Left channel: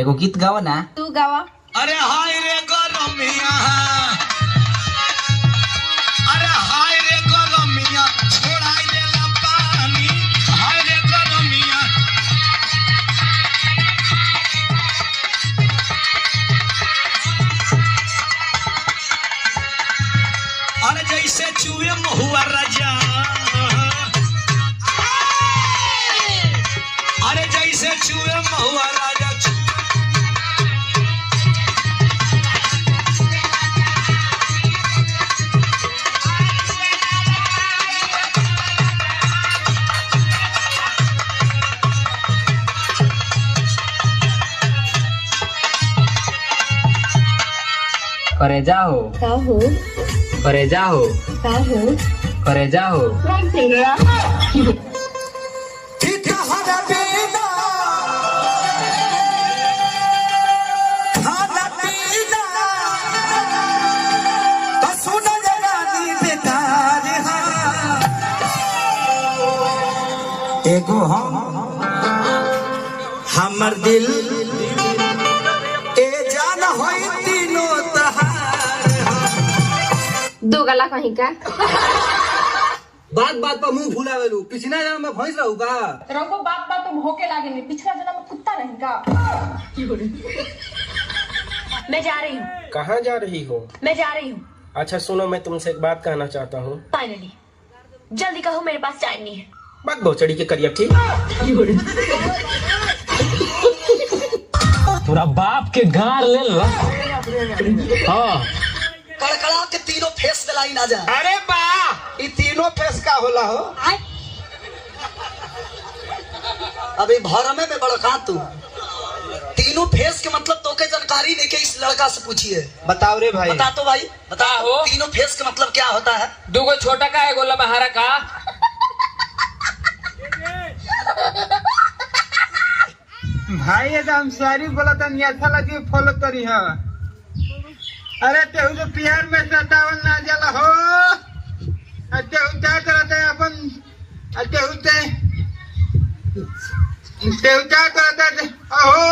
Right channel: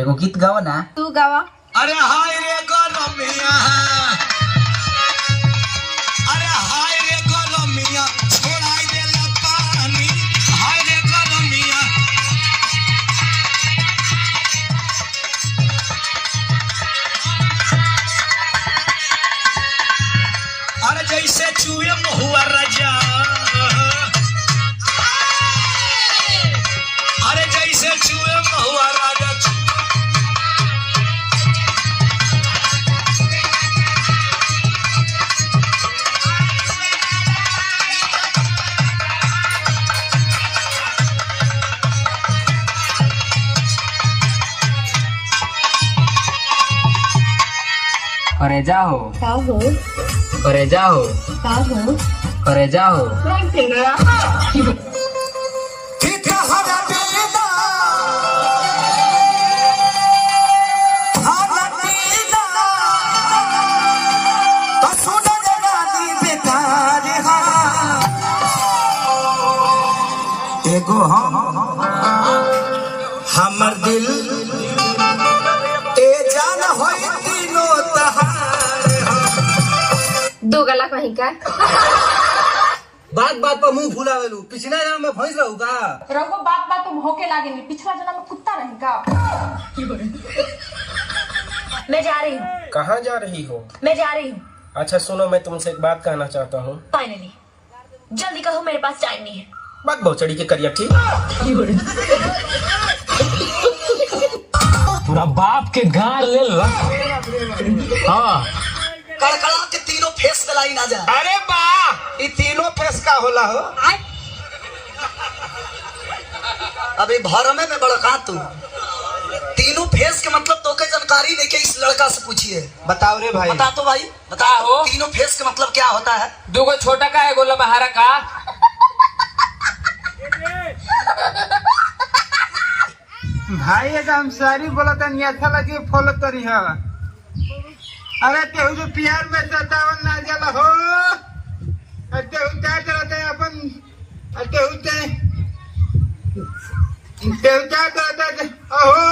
एगो गीत गावा ना। तू गावा। अरे हाय रे गरमिया, अरे हाय रे गरमिया, छोड़ाई देला पानी, हाय रे गरमिया। अरे जैसे चूहे महुआ राजा, अरे जैसे चूहे महुआ राजा। करे जाओ काहो करे जाओ काहो करे जाओ। एगो हमर दिल ए जान होई तीनों तहार। दो गला कहीं का बात बात पर मुंह फुलावेलू, पिछला जन्म में भैंस रहू का? रंगो बात बात तुम होके लागेंगे, पिछला जन्म में कुत्ता रहेगा। मैं जा रही हूँ। कहाँ जा रही हो? मैं जा रही हूँ। अच्छा सुनो, मैं तुमसे एक बात कहना चाहता हूँ। फाइनली जल्दी कहो, मेरे पास टाइम नहीं है। बात बहुचड़ी के करिया ठीक। पूरा बाप के गार ले ला। हाँ कड़कड़ा के तीनों फेस गलाई ना जा। अरे बा ये तीनों फेस का होला हो। अभी भरमे में बड़का तू तीनों फेस के मतलब तो के जानकारी लेके इस लड़का से पूछिए। बताओ रे भाई। बता तो भाई, बता हो? तीनों फेस के मतलब क्या होता है? दूगो छोटा का एगो लबहारा का। भाई एकदम सारी बोला था अच्छा लगे फॉलो करी है। अरे तेहू तो प्यार में सतावन ना जला हो। तेहू क्या करता है अपन? तेहू क्या करता है? ओहो